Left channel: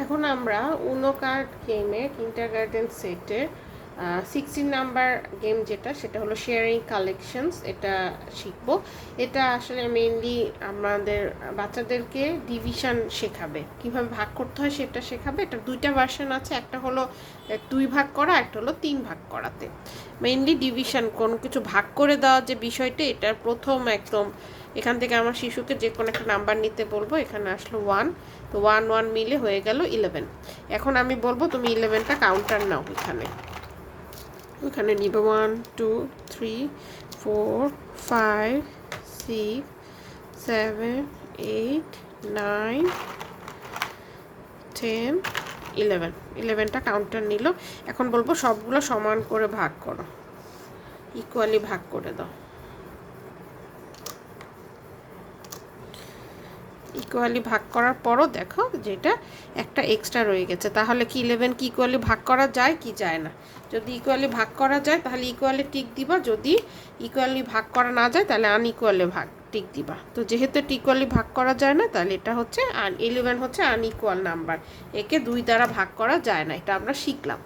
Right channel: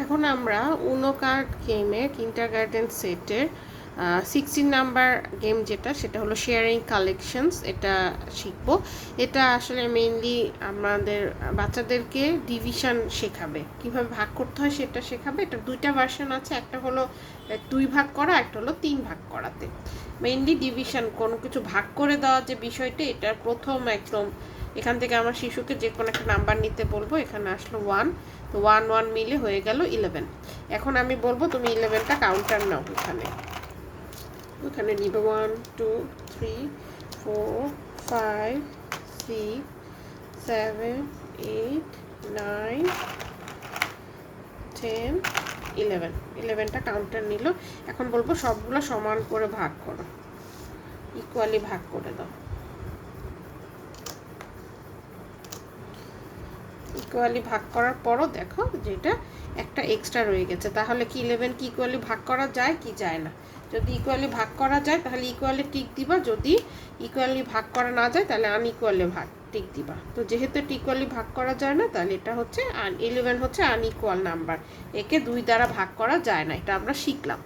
এখন আমরা উনো কার্ড গেমের কিন্ডারগার্টেন সেটের 16 নাম্বার গেম যেটা, সেটা হলো শেয়ারিং কালেকশনস, এটা শিখব। এটা আসলে মেইনলি আমাদের বাচ্চাদেরকে ডিভিশন শেখাবে, কিভাবে ভাগ করতে হয় সেটা শেখাবে। এটা দুইটা ভার্সন আছে, একটা হলো 2 ভাগ করা, একটা হলো 3 ভাগ করাতে। মেইনলি ডিভিশন, কোনো কিছু ভাগ করে দেওয়া যে বিষয়টা, এটা প্রথম একদম এখান থেকে আমার শিশুকে যে কোনো একটা নাম্বার নিতে বলবো। এখানে আসলো 1, তো 1 1 মিলে হয়ে গেল 11। এখন আমি বলবো তুমি 11টা কাউন্টার নাও। এখানে নিবে 1 2 3 4 5 6 7 8 9 10 11। 11টা কাউন্টার নিল। এখন বলবো সবগুলো সমান করে ভাগ করো, ইকুয়ালি ভাগ করে দাও। ইকুয়ালি ভাগ করার পরও দেখো যেটা একটা এক্সট্রা রয়ে গেছে, তাহলে কি 11 কি ইকুয়ালি ভাগ করা যায় কি যায় না? যদি ইকুয়ালি ভাগ করা যায় তাহলে ইকুয়ালি টিক দিবা, যদি ইকুয়ালি ভাগ করা না যায় তাহলে আনইকুয়ালি ভাগ টিক দিবা। তো যেহেতু এটা ইকুয়ালি ভাগ করা যায় না, তাহলে এটা হচ্ছে 11 হচ্ছে আনইকুয়াল নাম্বার, একে 2 দ্বারা ভাগ করা যায় না, এটা আমরা শিখলাম।